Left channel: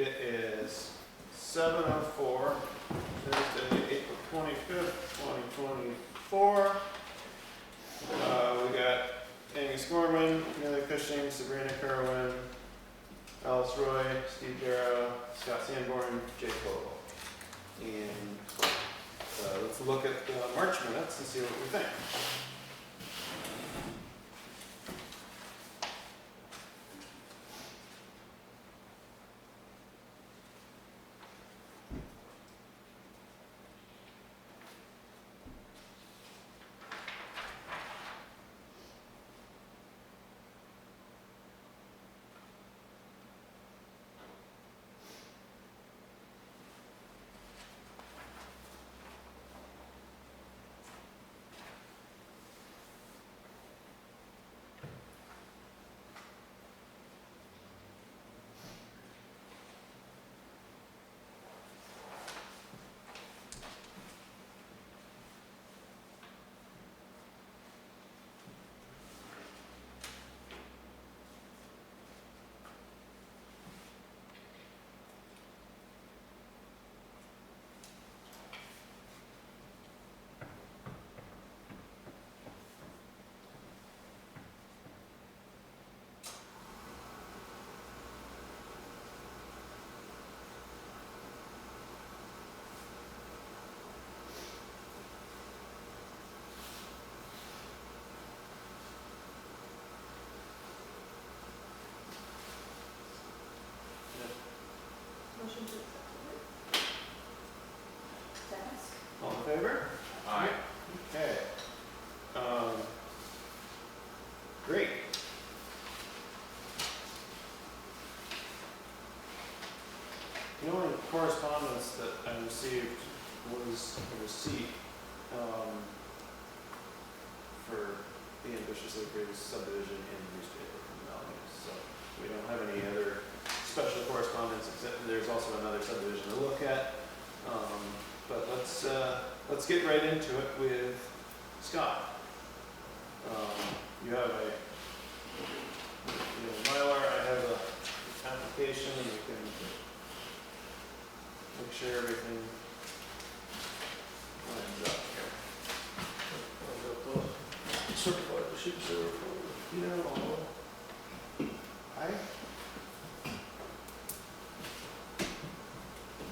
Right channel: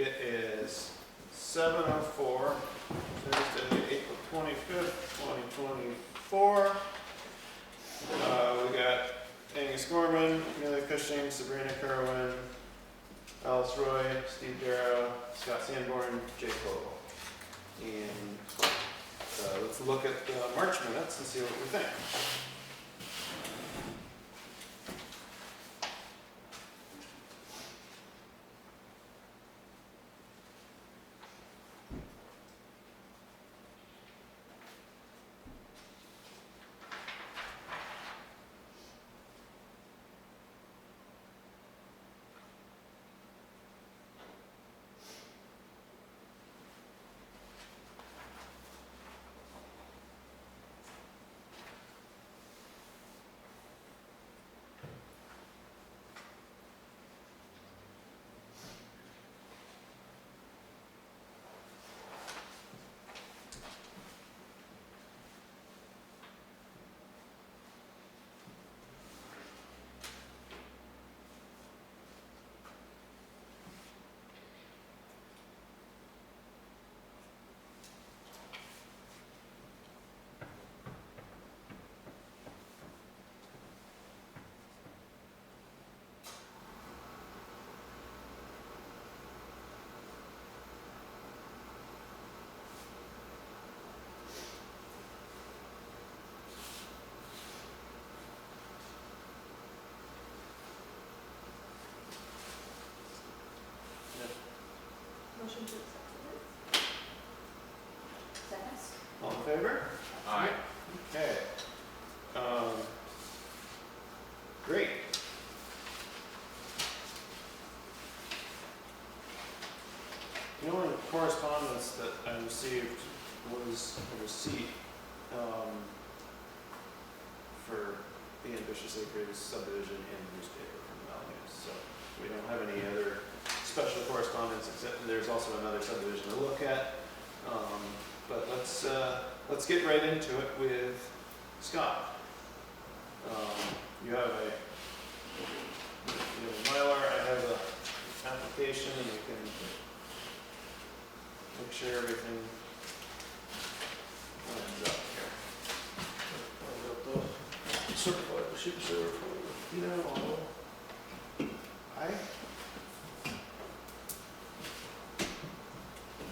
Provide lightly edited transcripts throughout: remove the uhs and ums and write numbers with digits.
It is 7:04, Thursday, April 25th, 2024. We got Angus Gorman, Amelia Cushing, Sabrina Kerwin, Alice Roy, Steve Darrow, Scott Sanborn, Jake Vogel. And let's look at the March minutes and see what we think. Motion to accept. Seconds. All in favor? Aye. Okay. Great. The only correspondence that I received was a receipt for the Ambitious Acres subdivision in the newspaper from the Valley News. So we don't have any other special correspondence, except there's also another subdivision to look at. But let's get right into it with Scott. You have a Mylar, I have a application, and we can make sure everything lines up here. I've got the certified receipt server for, You know, I wonder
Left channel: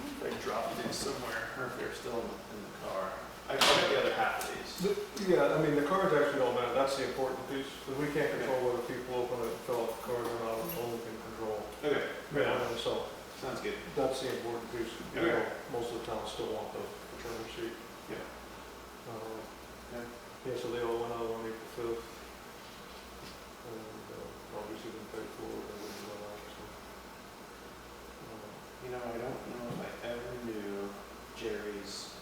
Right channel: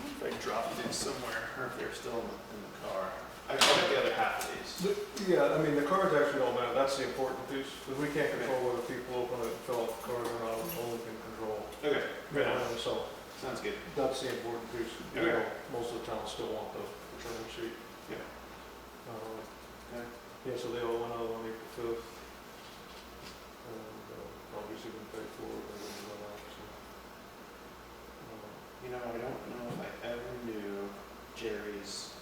if I dropped these somewhere, or if they're still in the car. I got the other half of these. yeah, I mean, the cards actually don't matter, that's the important piece, because we can't control whether people open it and fill out the card or not, it's only can control. Okay, right on. So, Sounds good. that's the important piece. Okay. Most of the towns still want the return receipt. Yeah. Okay. Yeah, so they all went out on April 5th. And, obviously been paid for, and everything like that, so. You know, I don't know if I ever knew Jerry's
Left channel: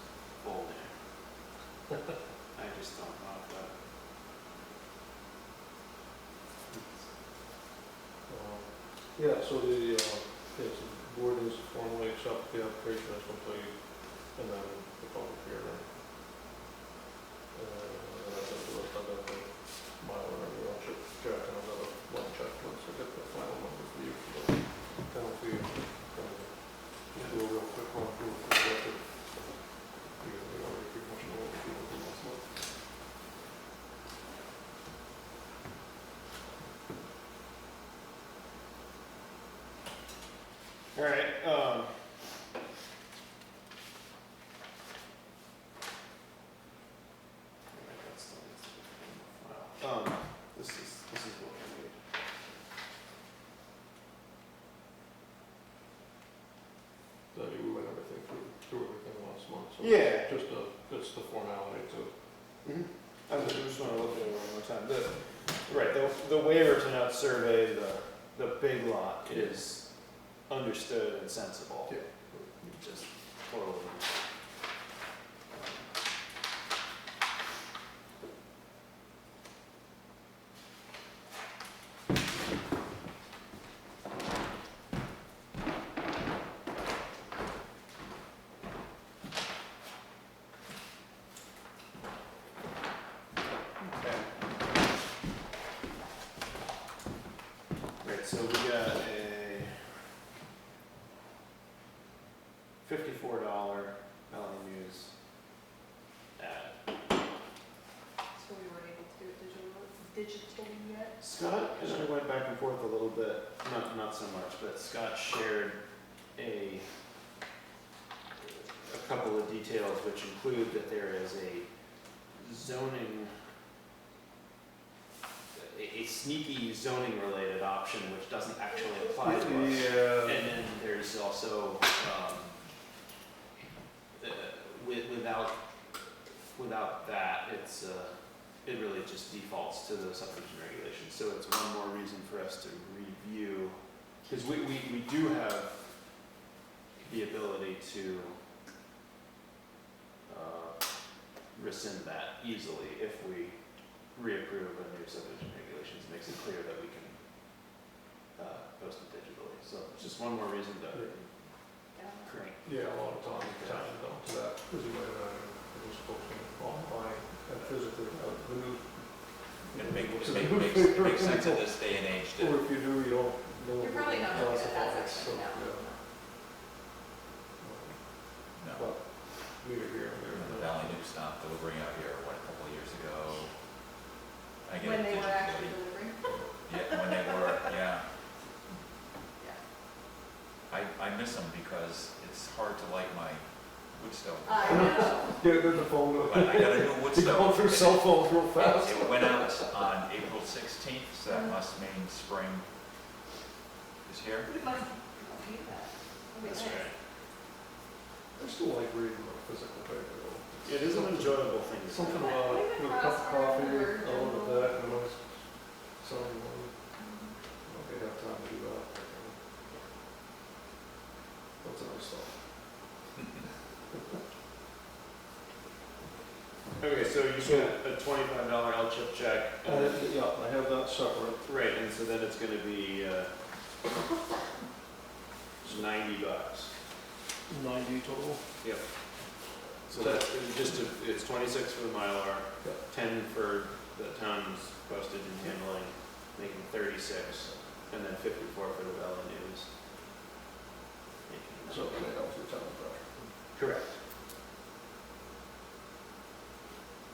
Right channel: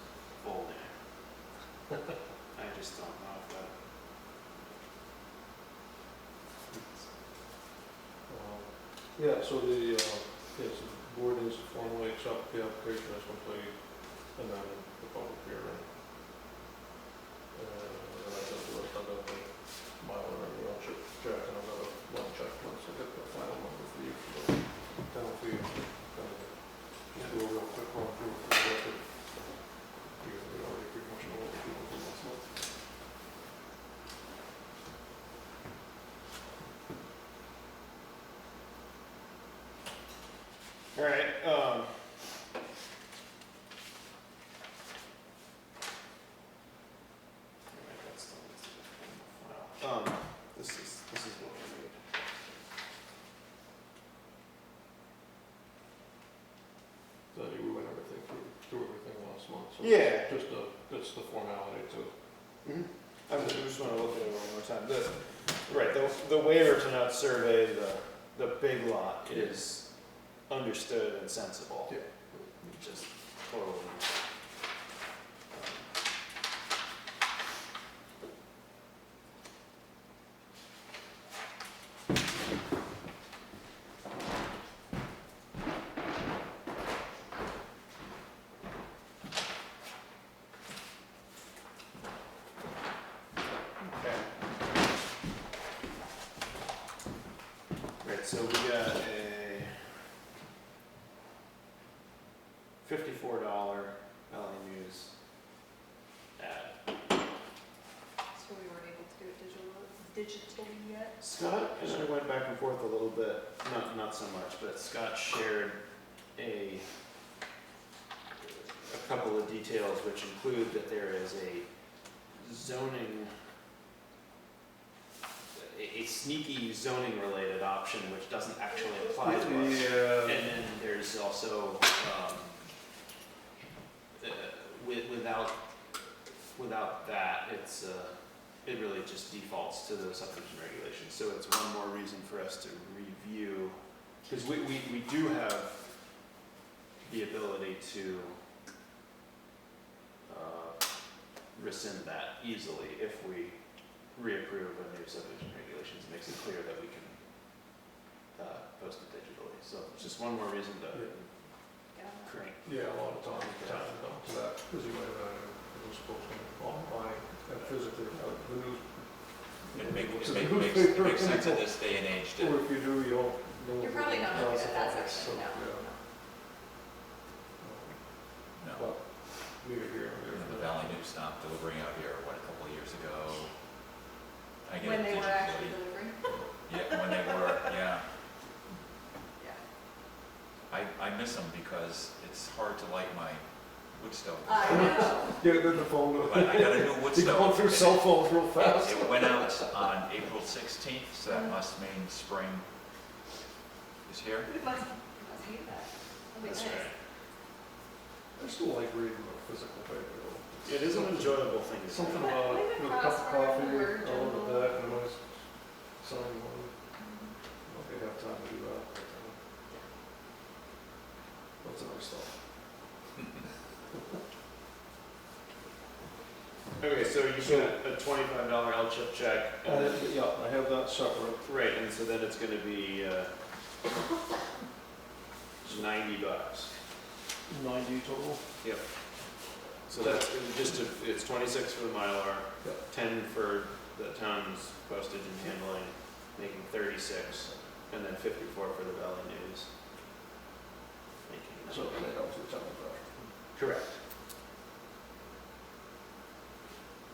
full name. I just don't know if that. Yeah, so the, board is formally accept the application as complete, and then the public hearing. And I got the rest, I got the mile and everything else, Jack, and I got a one check once I get the final number for you for the penalty. Just do a real quick run through for the record. Because we already pretty much know what the people do last month. All right. This is what we need. So we went everything through everything last month, so. Yeah. Just it's the formality to. Mm-hmm. I just want to look at it one more time. The waiver to not survey the big lot is understood and sensible. Yeah. Just totally. So we got $54 Valley News ad. So we weren't able to do it digitally yet? Scott and I went back and forth a little bit, not so much, but Scott shared a couple of details which include that there is a zoning, a sneaky zoning related option which doesn't actually apply to us. Yeah. And then there's also, without that, it really just defaults to the subdivision regulations. So it's one more reason for us to review, because we do have the ability to rescind that easily if we reapprove a new subdivision regulations. It makes it clear that we can post it digitally. So it's just one more reason to crank. Yeah, a lot of times towns don't do that, because you might have, it was posting online and physically, the news. It makes sense in this day and age Or to, if you do, you don't know. You're probably not looking at that classified, section, so, no. yeah. no. But leave it here and there. The Valley News stopped delivering out here, what, a couple of years ago? I get When it they were actually digitally. delivering? Yeah, when they were, yeah. Yeah. I miss them because it's hard to light my wood stove. I know. Get the phone. But I got a new wood You stove. go through cell phones real fast. It went out on April 16th, so that must mean spring is here. It must hate that. That'd be That's nice. right. I still like reading the physical paper though. It is an enjoyable thing to do. Something When- about when it, the with a cup of crossword coffee, or I love journal. that, and a nice sunny one. Okay, have time to do that. That's nice stuff. Okay, so you get a $25 L-chip check. And then, Yeah, I have that separate. right, and so then it's gonna be $90. 90 total. Yep. So that's it's 26 for the Mylar, Yep. 10 for the town's postage and handling, making 36, and then 54 for the Valley News. Making So that was the town project. correct.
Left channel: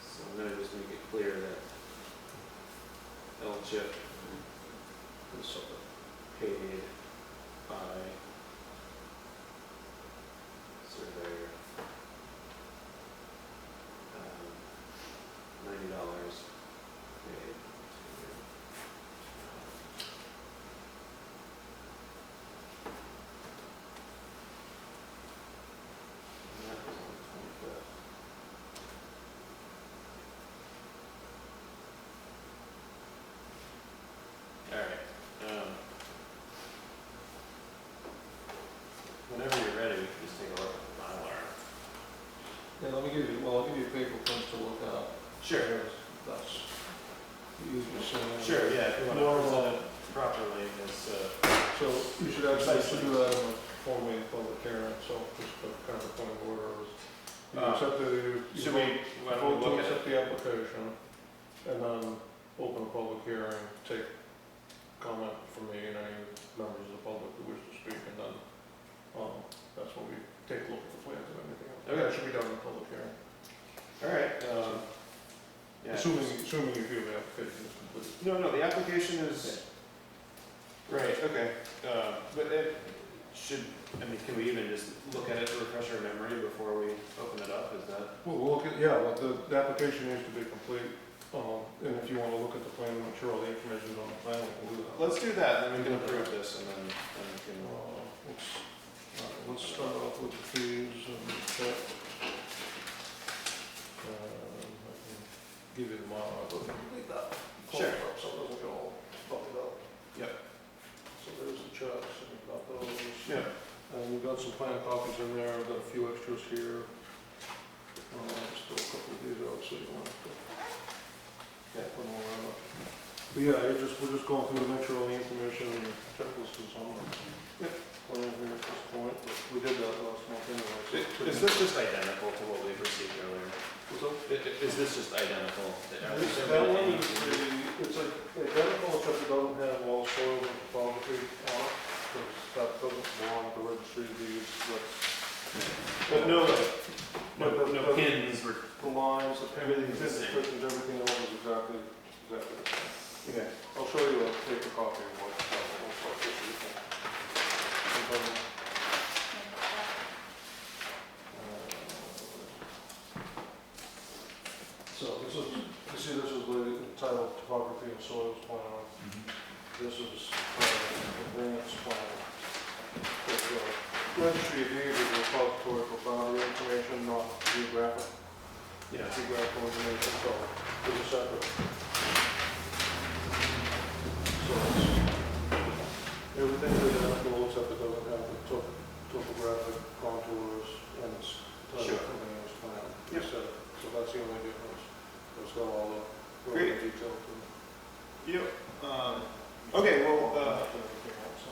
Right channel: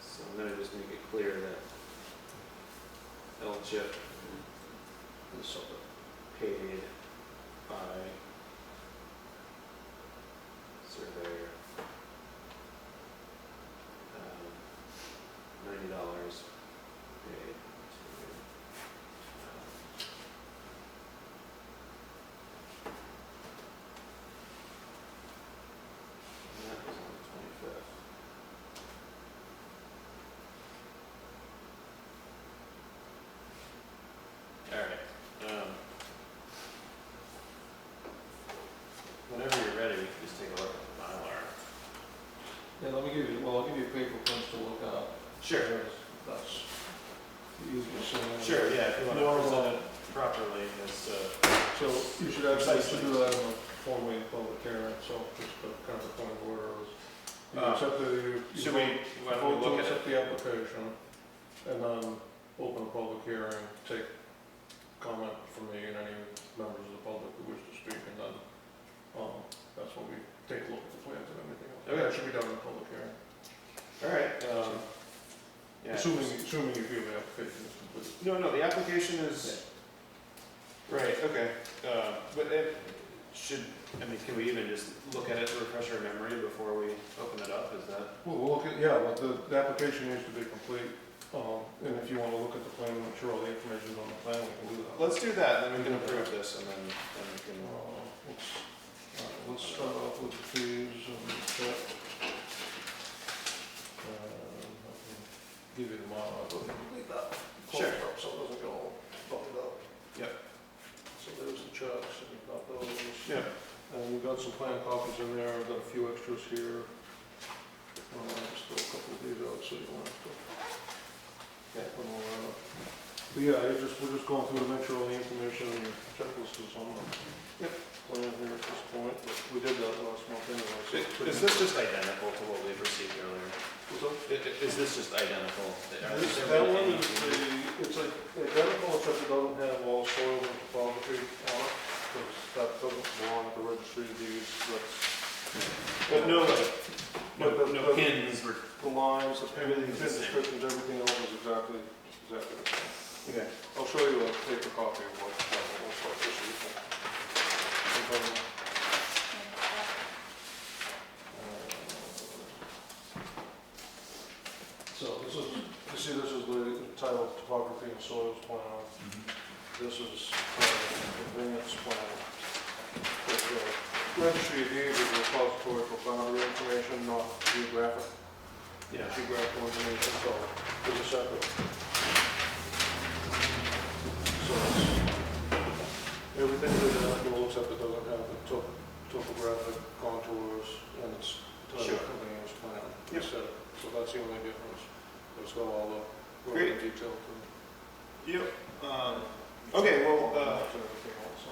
So I'm gonna just make it clear that L-chip This something. paid by surveyor, $90 paid to, and that was on the 25th. All right, whenever you're ready, we can just take a look at the Mylar. Yeah, let me give you, well, I'll give you paper prints to look at. Sure. Because that's the easiest thing. Sure, yeah, if you want to Well, present it properly, it's, So you should actually do that in a formally public hearing, so just a kind of a point of order is. You accept the, you should we, why don't we vote look to at it? accept the application, and then open a public hearing, take comment from me and any members of the public who wish to speak, and then, that's when we take a look at the plans and everything else. Okay. That should be done in a public hearing. All right, yeah. Assuming you feel the application is complete. No, the application is, right, okay, but it should, I mean, can we even just look at it to refresh our memory before we open it up, is that? Well, we'll look at, yeah, but the application needs to be complete, and if you wanna look at the plan, make sure all the information is on the plan, we can do that. Let's do that, then we can approve this, and then we can, Let's start off with the fees and check. I can give you the model, but complete that. Sure. So it doesn't get all bumped up. Yep. So there's the checks, and you've got those. yeah, And we've got some plan copies in there, I've got a few extras here. Just throw a couple of these out, so you don't have to. Put them all out. But yeah, we're just going through to make sure all the information and the checklist is on the plan here at this point. We did that last month anyway. so is this just identical to what we've received earlier? What's up? Is this just identical? Are This, there that really one any- is it's like identical, except it doesn't have all soils and topography on it, because that doesn't belong at the registry of deeds, that's But no, like, But no, the- no the- pins were, The lines, everything, Everything's the same. descriptions, everything else is exactly the same. okay. I'll show you a paper copy of what looks like this year. So this is, you see this is the entitled topography and soils plan. This is advance plan. It's a registry of deeds is a repository for boundary information, not geographic, Yeah. geographical information, so it's a separate. So it's, everything that it looks up, it doesn't have the topographic contours and it's Sure. titled advance plan. Yep. Instead. So that's the only difference. It's got all the Great. relevant detail to it. Yep, okay, well, And everything else.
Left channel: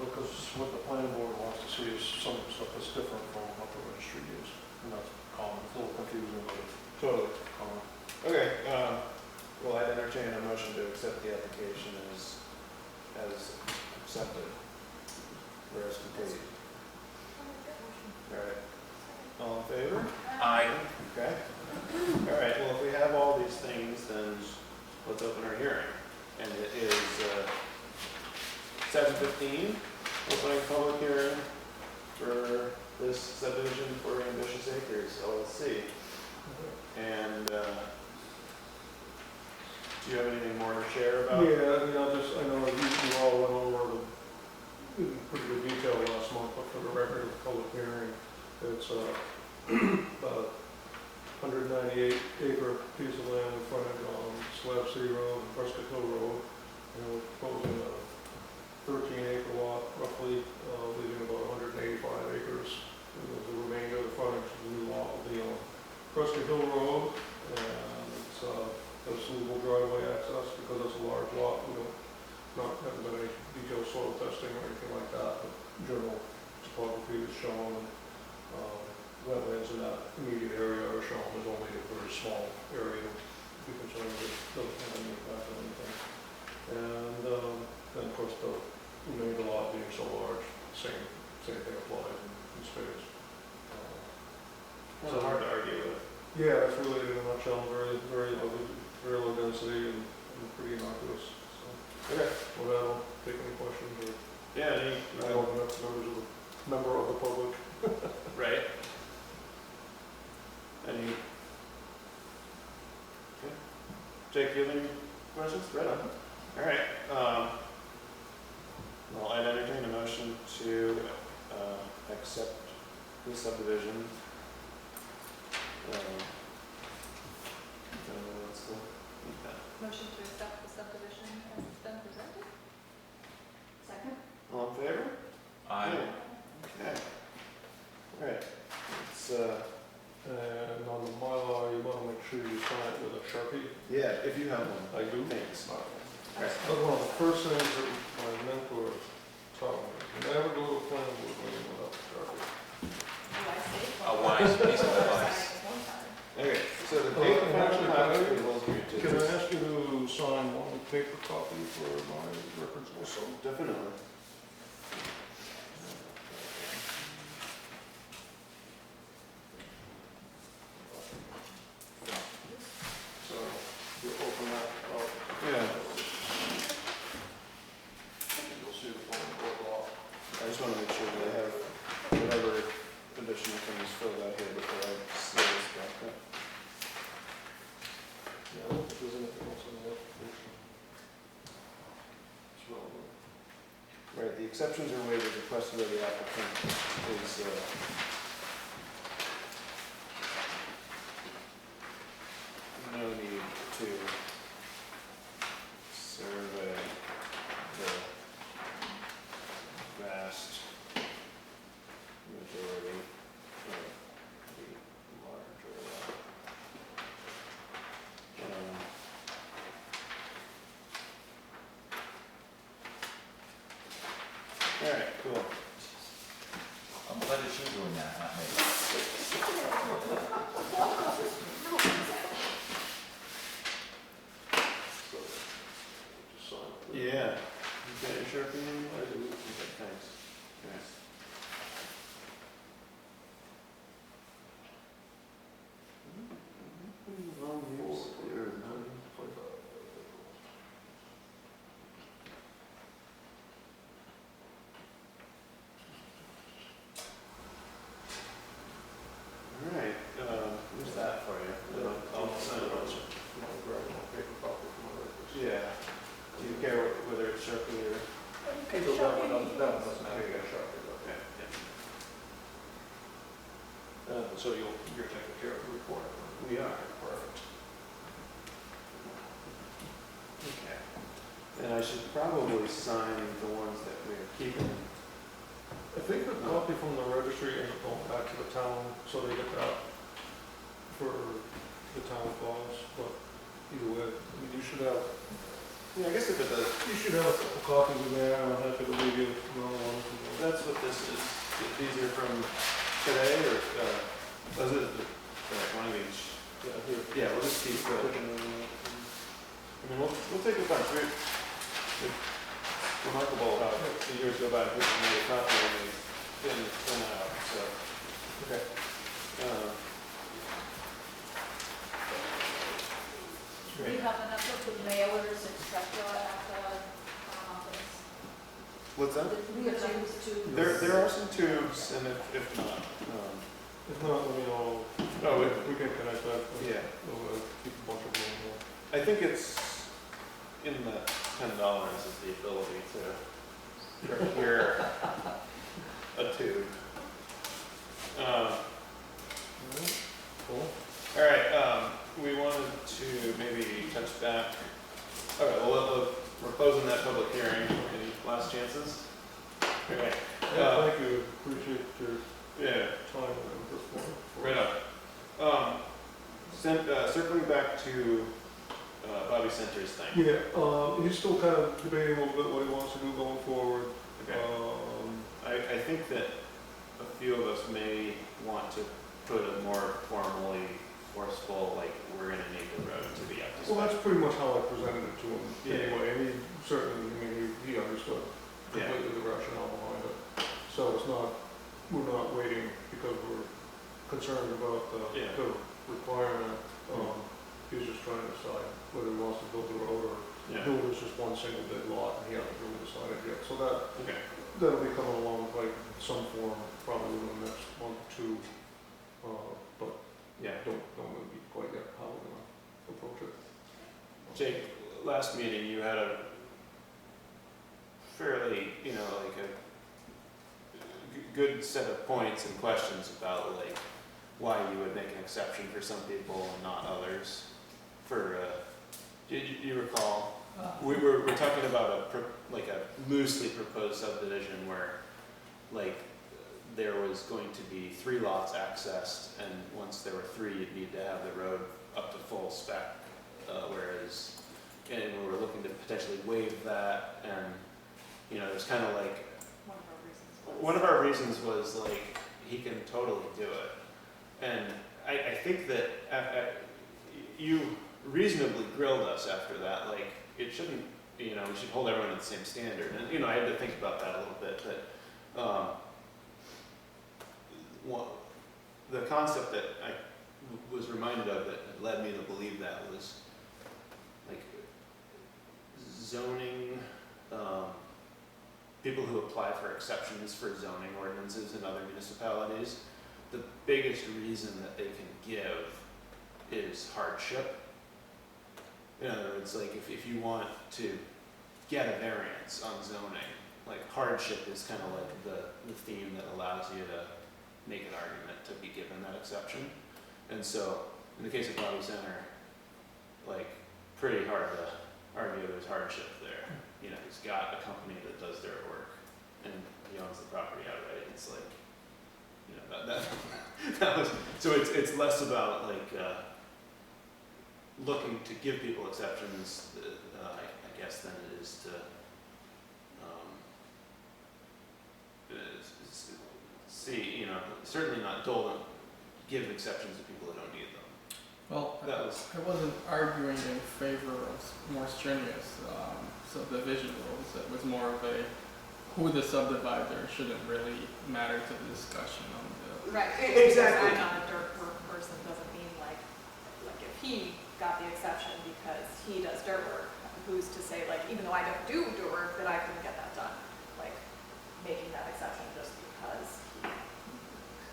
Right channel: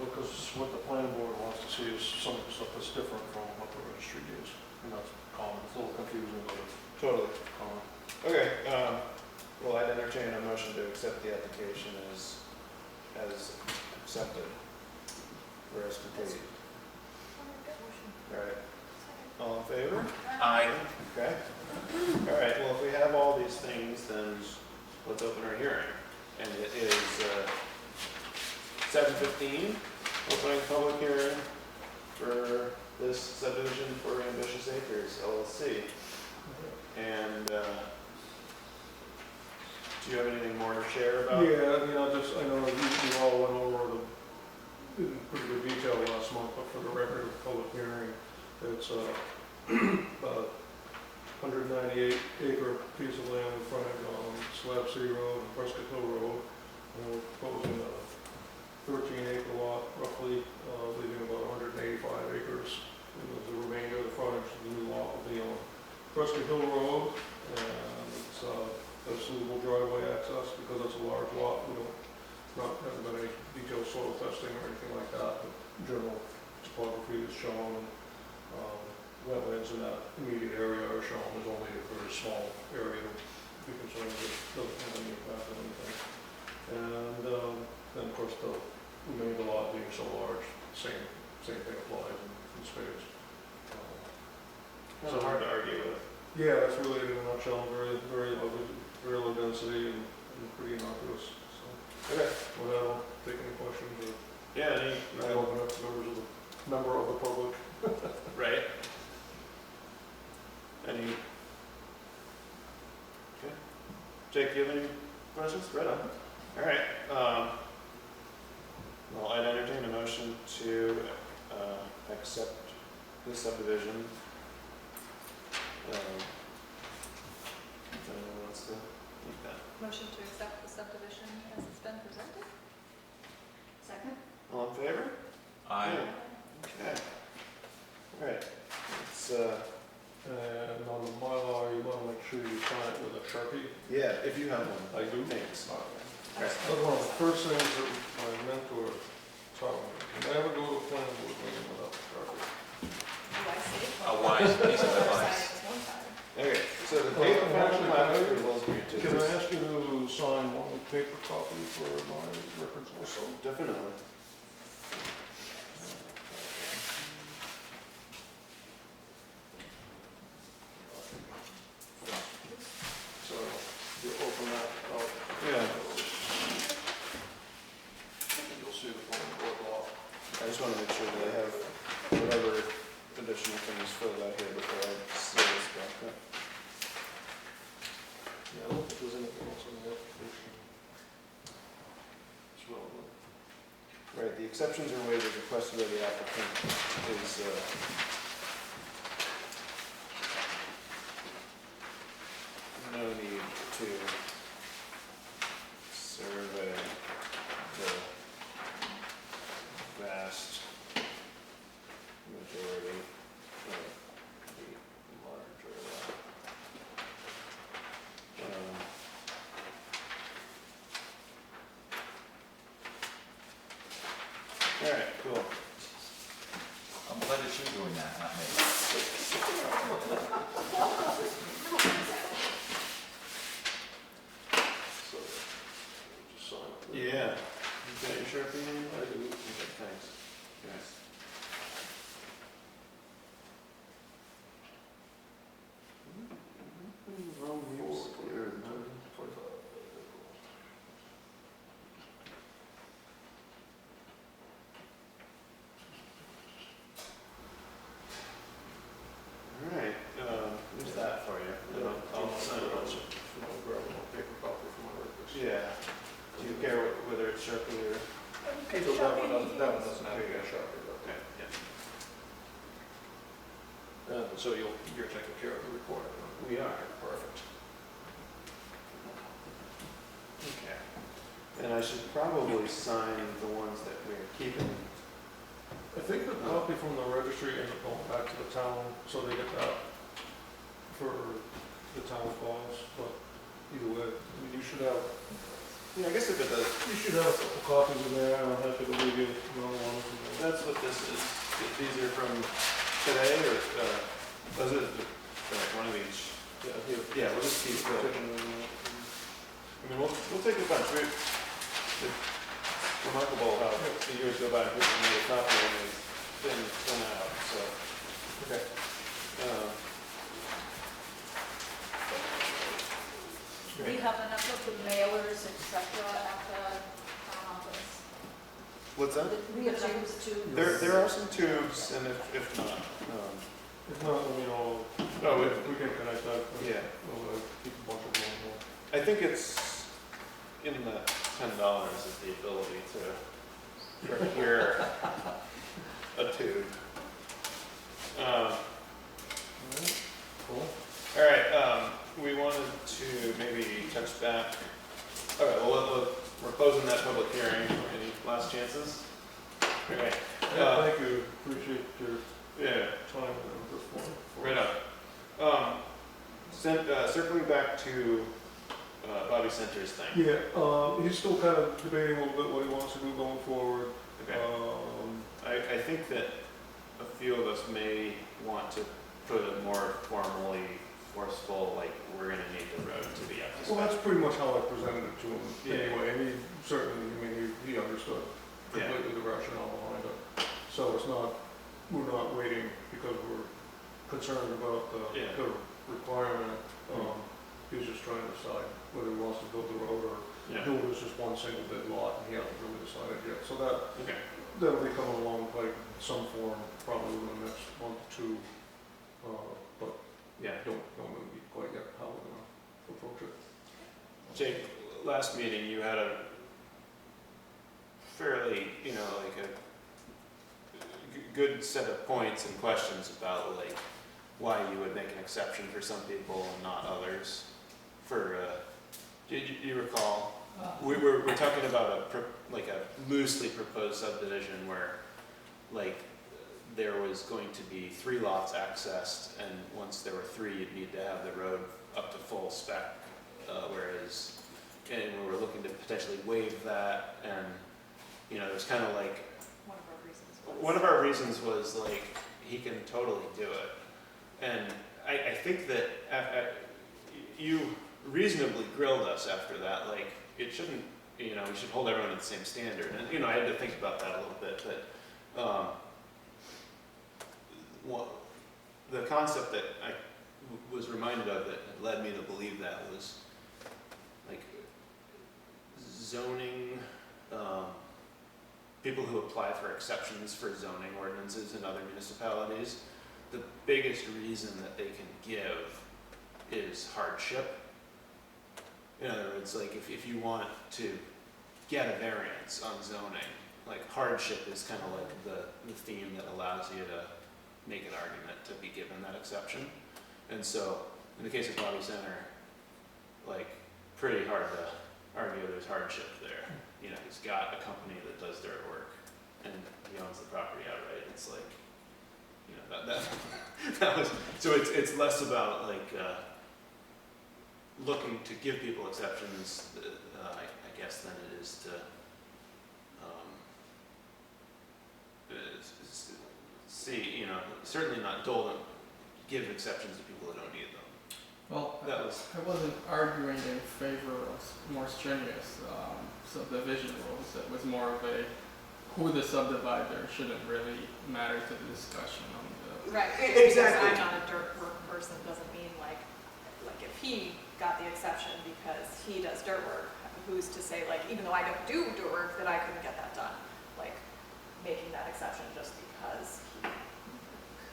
Because what the planning board wants to see is some stuff that's different from what the registry is. And that's common, it's a little confusing, but it's totally. common. Okay, well, I'd entertain a motion to accept the application as accepted, or as complete. Alright, all in favor? Aye. Okay. Alright, well, if we have all these things, then let's open our hearing. And it is, 7:15, opening public hearing for this subdivision for Ambitious Acres LLC. And, do you have anything more to share about? Yeah, I mean, I know you all went over in pretty good detail last month, but for the record of the public hearing, it's about a 198 acre piece of land in frontage on Slab City Road and Prescott Hill Road. And we're proposing a 13 acre lot roughly, leaving about 185 acres. And the remainder of the frontage of the new lot will be on Prescott Hill Road. And it's there's suitable driveway access because it's a large lot. We haven't done any detailed soil testing or anything like that, but general topography is shown. Wetlands in that immediate area are shown. There's only a very small area to be concerned with, doesn't have any impact on anything. And then of course the remainder lot being so large, same thing applies in space. Kind of hard to argue with. Yeah, that's really in a nutshell, very low density and pretty innocuous. So, Okay. with that, I'll take any questions or Yeah, any, I'll open up to member of the public. right? Any? Okay. Jake, do you have any questions? Right on. All right, well, I'd entertain a motion to, accept the subdivision. If anyone wants to make that. Motion to accept the subdivision as it's been presented? Second? All in favor? Aye. Okay. All right, it's, And on the Mylar, you want to make sure you sign it with a Sharpie. yeah, if you have one. I do. Thanks. That's one of the first things that my mentor taught me. Never go to a planning board meeting without a Sharpie. Oh, I see. A wise piece of Well, advice. one time. Okay, so the Well, date of actually, final can I- approval is going to. Can I ask you to sign one paper copy for my records also? Definitely. So you open that up. Yeah. You'll see the planning board law. I just want to make sure that I have whatever additional things filled out here before I seal this back up. Yeah, I don't think there's anything else in the application. It's relevant. Right, the exceptions or waivers requested by the applicant is, no need to survey the vast majority of the larger lot. All right, cool. I'm glad that you're doing that, not me. So, just sign it. Yeah. You got your Sharpie in? I do. Okay, thanks. Yes. so you're taking care of the requirement. We are. Perfect. Okay. And I should probably sign the ones that we're keeping. I think the copy from the registry ends up going back to the town, so they get that for the town files, but either way, I mean, you should have, Yeah, I guess if it does, you should have a couple copies in there, and I'm happy to leave you another one. that's what this is. These are from today, or, those are, one of each. Yeah, here. Yeah, we'll just keep the, I mean, we'll take a bunch. It's remarkable how the years go by, people made a copy and they've been out, so. Okay. Do we have enough of the mailers, et cetera, at the office? What's that? Do we have enough to? There are some tubes, and if not, If not, then we all, oh, we can connect that. yeah. We'll keep a bunch of them here. I think it's in the $10 is the ability to procure a tube. Cool. All right, we wanted to maybe touch back. Okay, well, we're closing that public hearing. Any last chances? Okay. Yeah, thank you, appreciate your Yeah, time and this one. right up. Circling back to Bobby Center's thing. Yeah, he's still kind of debating a little bit what he wants to do going forward. Okay. I think that a few of us may want to put a more formally forceful, like, we're gonna need the road to be up to Well, spec. that's pretty much how I presented it to him Yeah. anyway, and he certainly, I mean, he understood Yeah. completely the rationale behind it. So it's not, we're not waiting because we're concerned about Yeah. the requirement. He's just trying to decide whether he wants to build the road or Yeah, build this just one single big lot, and he hasn't really decided yet. So okay. that'll be coming along like in some form, probably within the next month or two. But Yeah. don't know quite yet how we're gonna approach it. Jake, last meeting, you had a fairly, like a good set of points and questions about, like, why you would make an exception for some people and not others. For, do you recall? We're talking about like a loosely proposed subdivision where, like, there was going to be 3 lots accessed, and once there were 3, you'd need to have the road up to full spec, and we were looking to potentially waive that, and, there's kind of like, one of our reasons was, like, he can totally do it. And I think that you reasonably grilled us after that, like, it shouldn't, we should hold everyone to the same standard. And, I had to think about that a little bit, but the concept that I was reminded of that had led me to believe that was, like, zoning, people who apply for exceptions for zoning ordinances in other municipalities, the biggest reason that they can give is hardship. In other words, like, if you want to get a variance on zoning, like, hardship is kind of like the theme that allows you to make an argument to be given that exception. And so, in the case of Bobby Center, like, pretty hard to argue there's hardship there. He's got a company that does dirt work, and he owns the property outright. It's like, that was, so it's less about, like, looking to give people exceptions, I guess, than it is to see, certainly not give exceptions to people who don't need them. Well, That was, I wasn't arguing in favor of more strenuous subdivision rules. It was more of a who the subdivider shouldn't really matter to the discussion on the. Right, Exactly. because I'm not a dirt work person doesn't mean like if he got the exception because he does dirt work, who's to say, like, even though I don't do dirt work, that I couldn't get that done? Like, making that exception just because he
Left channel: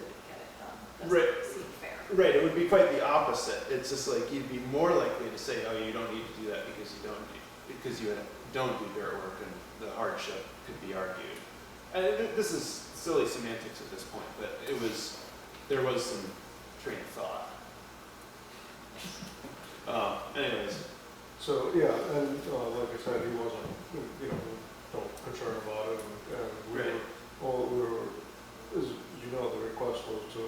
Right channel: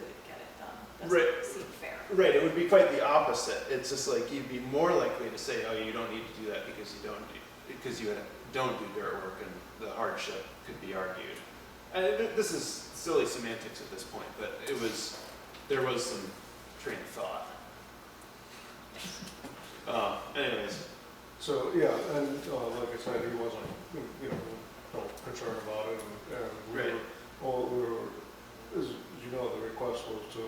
couldn't get it done Right. doesn't seem fair. right, it would be quite the opposite. It's just like, you'd be more likely to say, oh, you don't need to do that because you don't do dirt work, and the hardship could be argued. And this is silly semantics at this point, but there was some train of thought. Anyways, So, yeah, and like I said, he wasn't, you know, no concern about it, and we Right. were, as you know, the request was to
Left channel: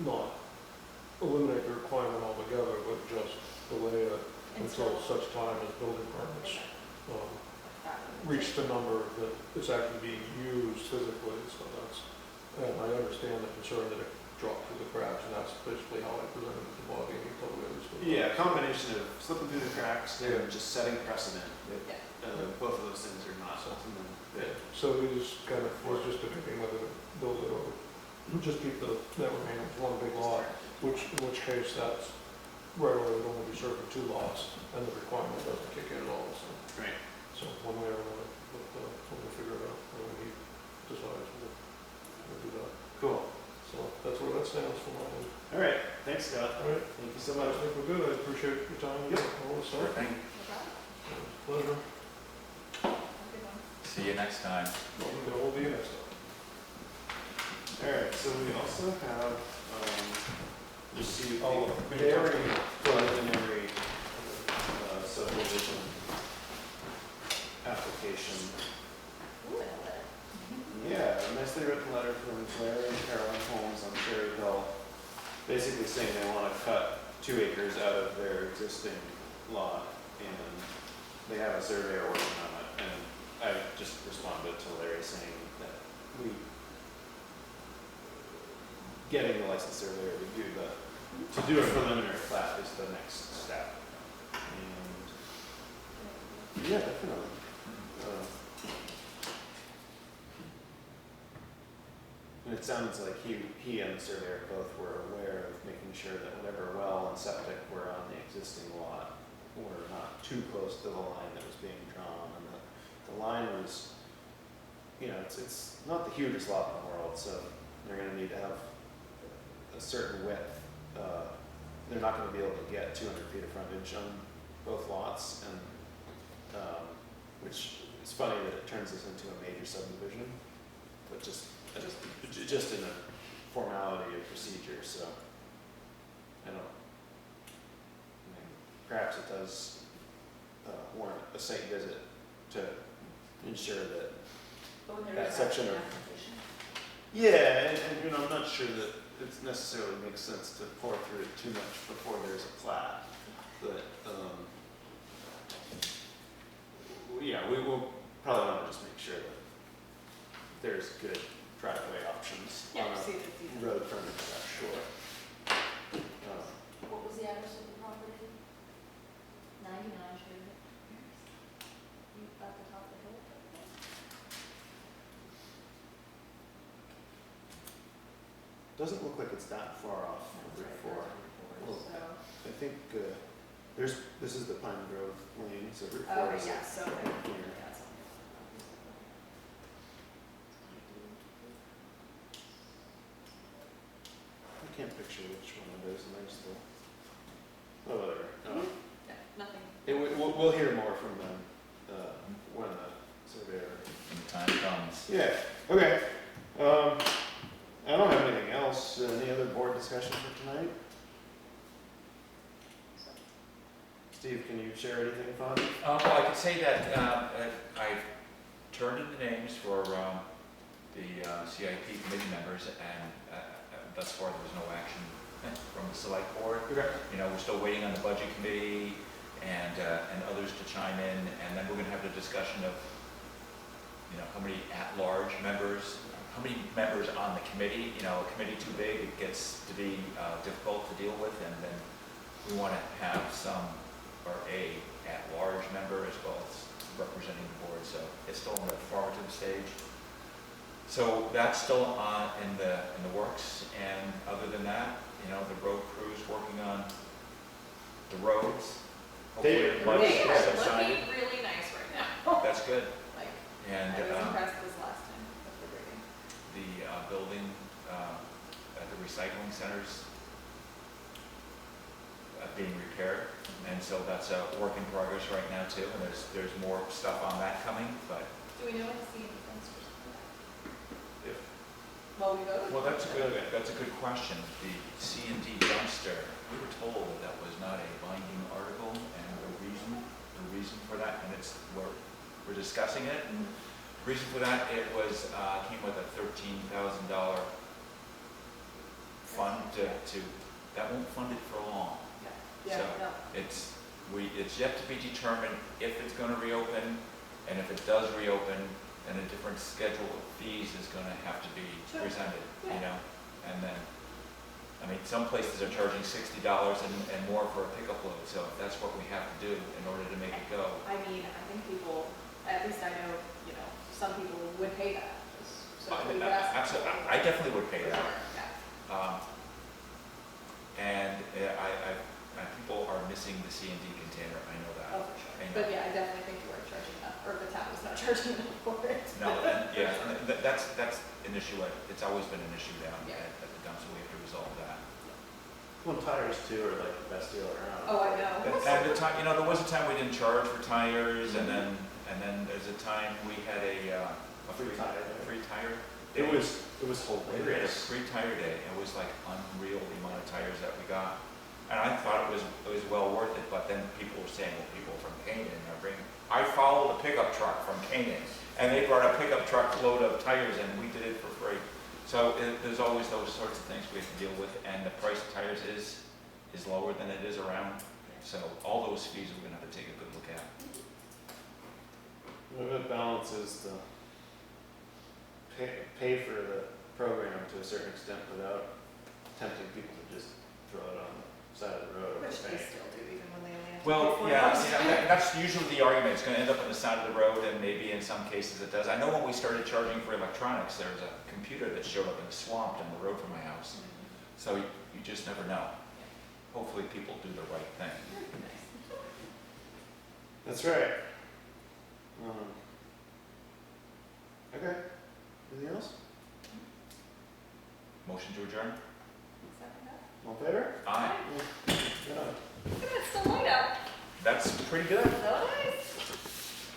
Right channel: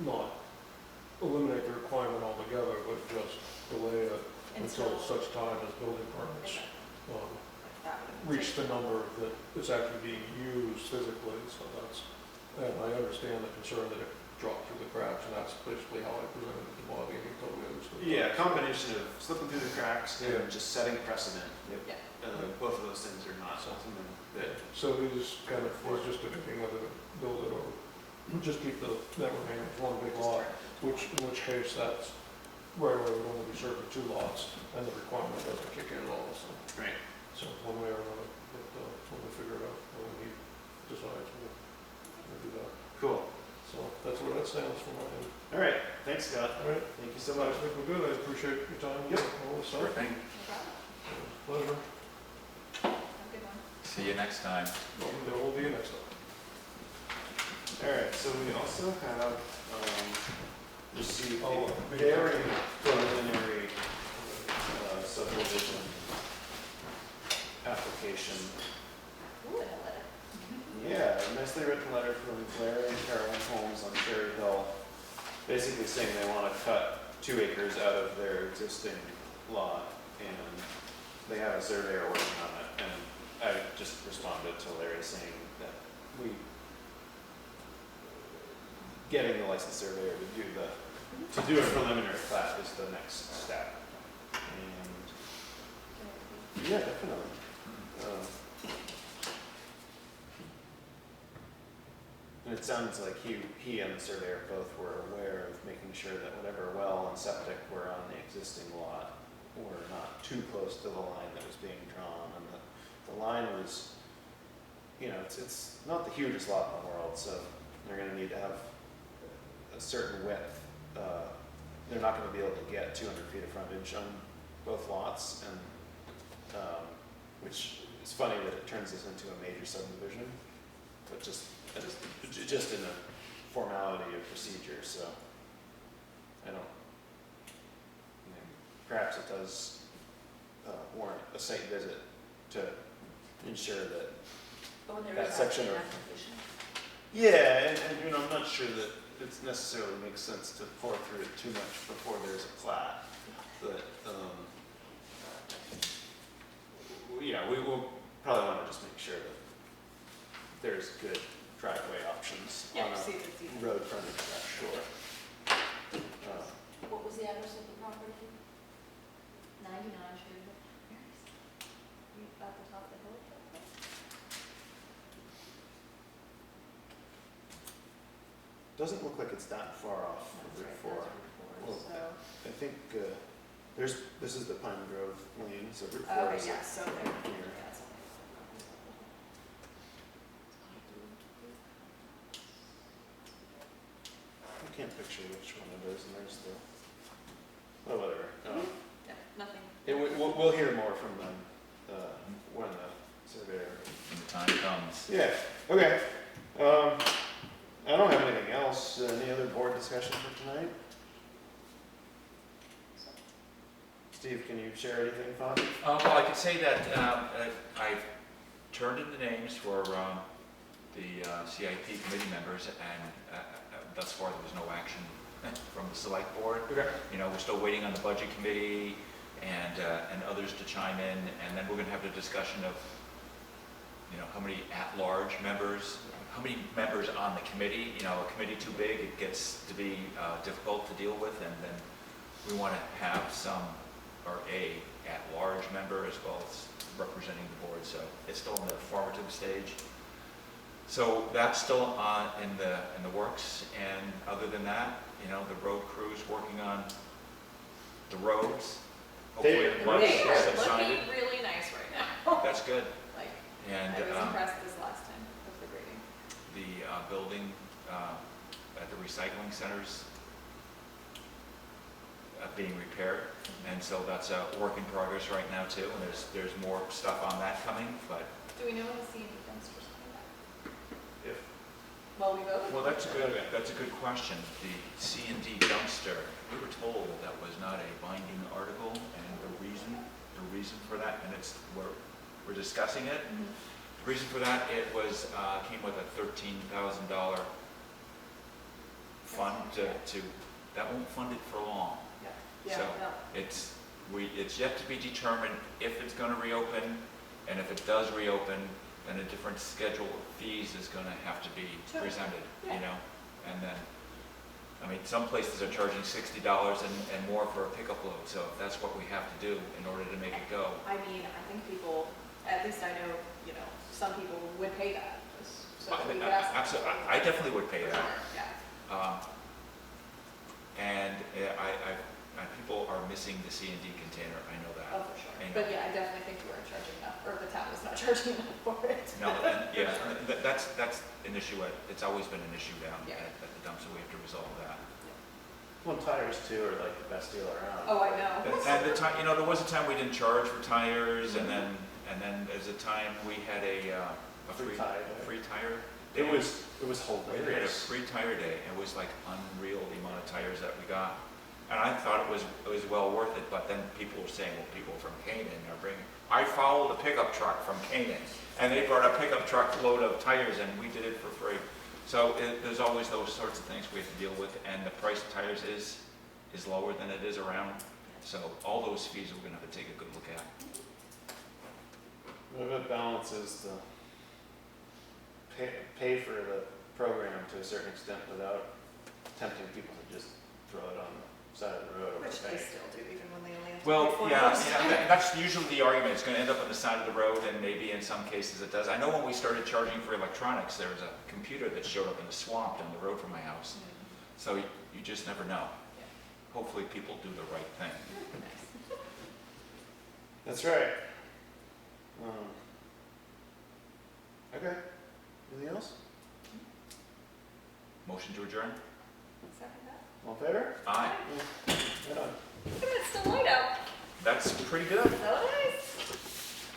not eliminate the requirement altogether, but just delay it until such time as building permits That would reach the number that is actually being used physically, so that's, and I understand the concern that it dropped through the cracks, and that's basically how I presented it to Bobby, and he totally understood. yeah, a combination of slipping through the cracks and Yeah. just setting precedent. Yeah. Both of those things are not something that, So we just kind of, was just debating whether to build it or just keep that remaining as one big lot, which, in which case that's right away would only be serving 2 lots, and the requirement doesn't kick in at all, so. right. So one way or another, but when we figure it out, when he decides, we'll do that. Cool. So that's where that stands for my end. All right, thanks, Scott. All right, Thank you so I much. think we're good, I appreciate your time and Yep. all this Sure stuff. thing. No problem. Pleasure. Have a good one. See you next time. There will be a next time. All right, so we also have, received Oh, a we can very talk- preliminary, subdivision application. Ooh, and a letter. Yeah, a nicely written letter from Larry and Carolyn Holmes on Cherry Hill, basically saying they want to cut 2 acres out of their existing lot, and they have a surveyor working on it, and I just responded to Larry saying that getting the licensed surveyor to do a preliminary plat is the next step. And, yeah, definitely. And it sounds like he and the surveyor both were aware of making sure that whatever well and septic were on the existing lot were not too close to the line that was being drawn, and that the line was, you know, it's not the hugest lot in the world, so they're gonna need to have a certain width. They're not gonna be able to get 200 feet of frontage on both lots, and, which is funny that it turns this into a major subdivision, but just in a formality of procedure, so I mean, perhaps it does warrant a site visit to ensure that But when there that is section actually of- an application. yeah, and you know, I'm not sure that it necessarily makes sense to pour through it too much before there's a plat, but, yeah, we will probably want to just make sure that there's good driveway options Yeah, on see a if it's even. road frontage that short. What was the address of the property? 99 Sherwood. You at the top of the hill? Doesn't look like it's that far off No, of that's Route right, 4. that's Well, Route 4, so. I think this is the Pine Grove lane, so Route 4 Okay, is yeah, so there, here. yeah, something. I can't picture which one it is, and there's the, oh, whatever. Yeah, nothing. We'll hear more from them when the surveyor. When the time comes. Yeah, okay. I don't have anything else. Any other board discussion for tonight? Steve, can you share anything fun? Well, I could say that I turned in the names for the CIP committee members, and thus far there was no action from the select board. Okay. You know, we're still waiting on the budget committee and others to chime in, and then we're going to have the discussion of, you know, how many at-large members, how many members on the committee. You know, a committee too big, it gets to be difficult to deal with, and then we want to have some, or a at-large member as well as representing the board, so it's still in the formative stage. So that's still in the works, and other than that, you know, the road crew's working on the roads. Hopefully the bugs They are subsided. looking really nice right now. That's good. Like, And I was impressed this last time with the grading. the building at the recycling centers being repaired, and so that's a work in progress right now too, and there's more stuff on that coming, but Do we know when the CED dumpsters coming back? If Well, we voted Well, that's a good question. The C&D dumpster, we were told that that was not a binding article, and the reason for that, and we're discussing it. Mhm. The reason for that, it was, came with a $13,000 fund that won't fund it for long. Yeah, So no, it's yet to be determined if it's gonna reopen, and if it does reopen, then a different schedule of fees is gonna have to be Sure. presented, Yeah. you know? And then, I mean, some places are charging $60 and more for a pickup load, so if that's what we have to do in order to make it go. I mean, I think people, at least I know, you know, some people would pay that, just so we could ask. them. Absolutely, I definitely would pay For that. sure, yeah. And people are missing the C&D container, I know that. Oh, for sure. I know. But yeah, I definitely think you weren't charging enough, or the town was not charging enough for it. No, and, yeah, that's an issue, it's always been an issue down Yeah. at the dump, so we have to resolve that. Well, tires too are like the best deal around. Oh, I know. And the time, you know, there was a time we didn't charge for tires, and then there's a time we had a Free tire day. free tire It day. was We had a hilarious. free tire day, it was like unreal the amount of tires that we got. And I thought it was well worth it, but then people were saying, well, people from Canaan are bringing, I followed a pickup truck from Canaan, and they brought a pickup truck load of tires, and we did it for free. So there's always those sorts of things we have to deal with, and the price of tires is lower than it is around. So all those fees we're gonna have to take a good look at. Well, it balances the pay for the program to a certain extent without tempting people to just throw it on the side of the road or Which the they bank. still do, even when they only have to pay Well, for yeah, it. that's usually the argument, it's gonna end up on the side of the road, and maybe in some cases it does. I know when we started charging for electronics, there was a computer that showed up in the swamp down the road from my house. So you just never know. Hopefully people do the right thing. Nice. That's right. Okay. Anything else? Motion to adjourn? Second that. All in favor? Aye. Good on. Look at it, it's still light out. That's pretty good. So it